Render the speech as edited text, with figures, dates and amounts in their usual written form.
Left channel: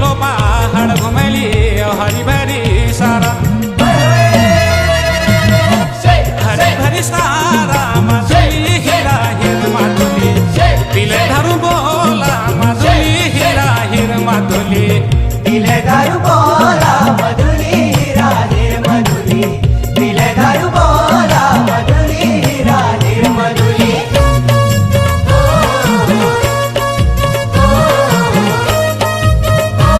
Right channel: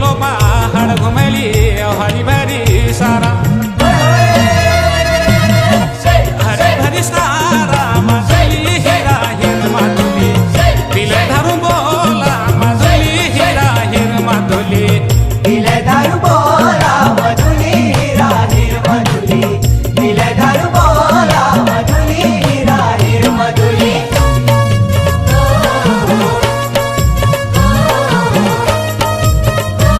low पहाड़ घुमली हरी भरी सारा हरी भरी सारा माधुली हीरा हिर माधुली पिले धरू बोला माधुली हीरा हिर माधुली पिले दारू बोला मधुली हीरा हिर मधुली